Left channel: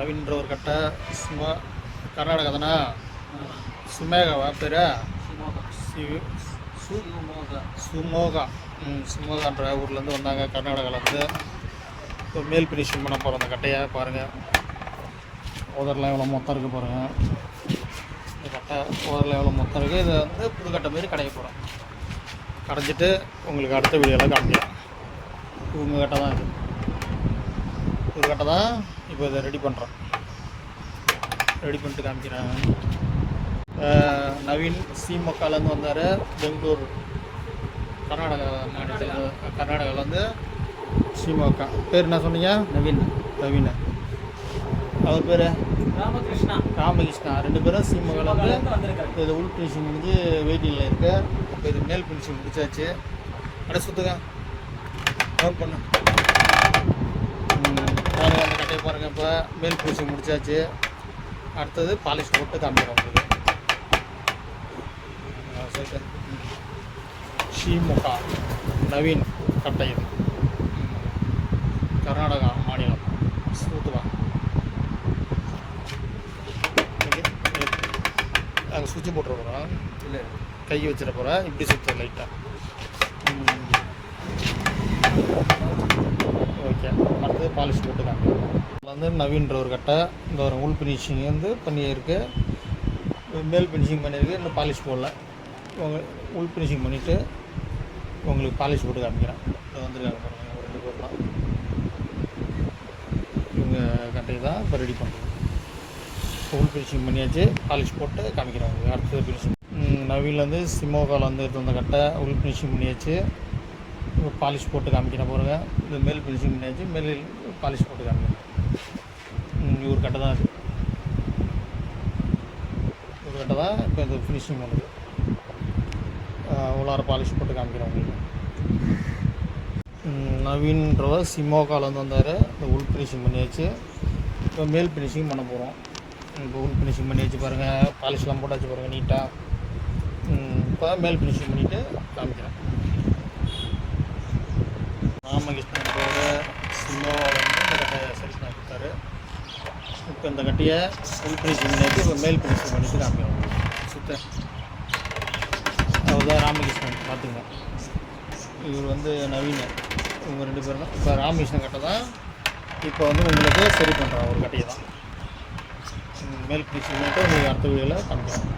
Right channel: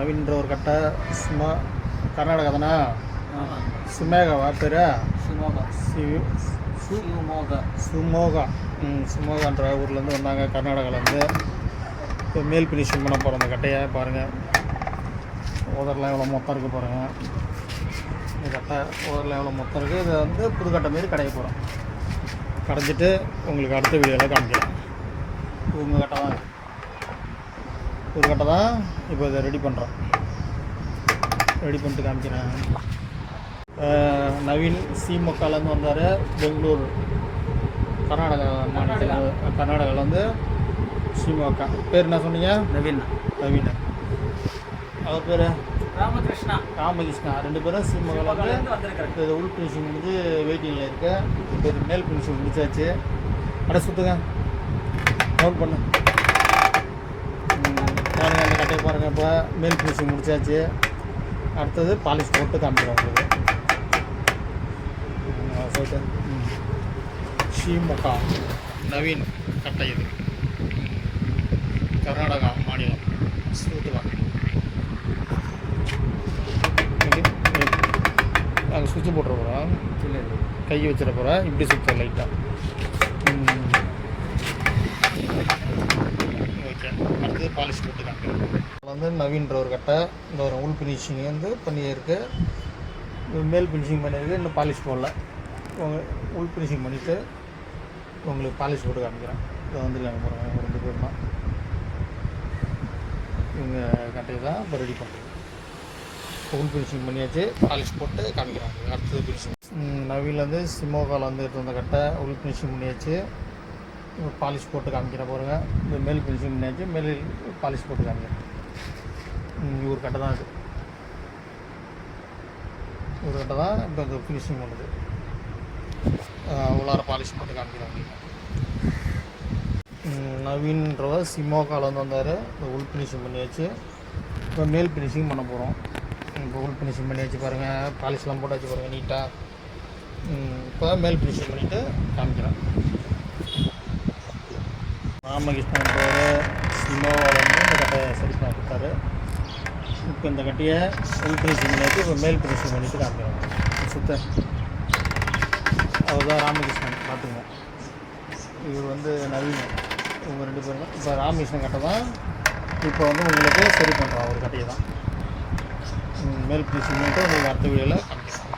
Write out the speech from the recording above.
நவீன்ற ஒரு கட்டை சும்மா கர்நாடகா தானே. சுமேகாவா பேர்? சுமோகா. சுமோகான்ற ஊர்லேருந்து வந்தாங்க, கர்நாடகாவிலேருந்து. இப்போ மேல் ஃபினிஷிங் பண்ண போகிறோம். அந்த கட்டையை பாருங்கள், ஓதரில் எவ்வளோ மொத்தம் இருக்குது பாருங்கள். இந்த கட்டை ஓதரில் எவ்வளோ மொத்தம் இருக்குது. இதை வந்து புதுக்கட்டை மாரி கடைய போகிறோம். கடைஞ்சிட்டு உங்களுக்கு அடுத்த வீடியோவில் காமிக்கிறேன். உங்கள் கட்டை தான் இது, புது கட்டை தான். இப்போ இதை ரெடி பண்ணுறோம். ரெடி பண்ணிட்டு காமிக்கிறேன். நவீன் சீமொக்காலேருந்து வந்தார், பெங்களூர் கர்நாடகா மாநிலத்தில். கர்நாடகாவிலேருந்து சீமொக்கா. பேர் என்ன சொன்னீங்க? நவீன். அவர் பேர் ராமகிருஷ்ணா. 2 பேரும் சீமொக்காலேருந்து. இது உள் ஃபினிஷிங் முடிஞ்சு வெயிட்டிங்கில் இருக்குது. இப்போ இது மேல் ஃபினிஷிங் முடிச்சாச்சு. அடை சுற்றுங்க, நோட் பண்ணு. பாருங்கள், அந்த கட்டையை பாருங்கள். இப்போ மேல் ஃபினிஷிங் முடிச்சாச்சு. அடுத்தது பாலிஷ் போட்டு காமிக்கிறோம் உங்களுக்கு. சொல்லிட்டு ஷீமொக்கா நவீன் கட்டை. இது கர்நாடகா மாநிலம். சுற்றுவா அது சுவிட்சு போட்டுற போகிறோம். இல்லை, கை வச்சிட போகிறேன். இப்படி சுற்ற லைட்டாக. ஓகே, அடுத்தது பாலிஷ் போட்டு காமிக்கிறோம். வந்து நவீன்ற ஒரு கட்டை. இந்த ஒரு உள் ஃபினிஷிங் வந்து பண்ணியிருக்கு, மேல் ஃபினிஷிங் பண்ணியிருக்கு. இன்னும் பாலிஷ் போடல. உள் ஃபினிஷிங் பண்ணிவிட்டு உங்களுக்கு பாலிஷ் போட்டு காமிக்கிறேன். இதை வந்துருக்காங்க பாருங்கள், 2 பேர் தான். இவங்க கட்டையை தான் இப்போ ரெடி பண்ணுறது. உள் ஃபினிஷிங் பண்ணியாச்சு, பாலிஷ் போட்டு காமிக்கிறோம் உங்களுக்கு. அடுத்தது ஃபினிஷிங் நவீன்லேருந்து சிமோகாவில் வந்து எடுத்து வந்த கட்டை உள் ஃபினிஷிங் பண்ணியாச்சு. இப்போ பாலிஷ் போட்டு காமிக்கிறேன் பாருங்கள். இந்த மேல் ஃபினிஷிங் பண்ணியாச்சு, மேல் பாலிஷ் போட்டு காமிக்கிறேன். ஒரு கட்டை தான் இது, ஒரு கட்டை தான் இப்போ இந்த ஃபினிஷிங் பண்ணுது. உள்ளார பாலிஷ் போட்டு காமிக்கிறோம் உங்களுக்கு. நவீன்றவர் சிமோகாலேருந்து வந்தார். இந்த உள் ஃபினிஷிங் பண்ணியாச்சு. இப்போ மேல் ஃபினிஷிங் பண்ண போகிறோம். இப்போ உள் ஃபினிஷிங் பண்ணியாச்சு பாருங்கள், பாலிஷ்லாம் போட்டாச்சு பாருங்கள் நீட்டாக. இப்போ மேல் ஃபினிஷிங் பண்ணிவிட்டு காமிக்கிறேன். ராமகிருஷ்ணன்றவர் சிமோகாலேருந்து இந்த கட்டையை சரி பண்ண கொடுத்தாரு. இப்போ இந்த கட்டையை உள் ஃபினிஷிங் பண்ணியாச்சு. இப்போ மேல் ஃபினிஷிங் பண்ணிவிட்டு காமிக்கிறோம் சுத்த. அவர் தான் ராமகிருஷ்ணன், பார்த்துங்க. இவர் வந்து நவீன். இவங்க 2 பேரும் தான். இப்போ ராமகிருஷ்ணன் கட்டை தான் இப்போ வந்து உங்களுக்கு சரி பண்ணுறோம். ஒரு கட்டையை தான் மேல் ஃபினிஷிங் பண்ணிவிட்டு உங்களுக்கு அடுத்த வீடியோவில் காமிக்கிறோம்.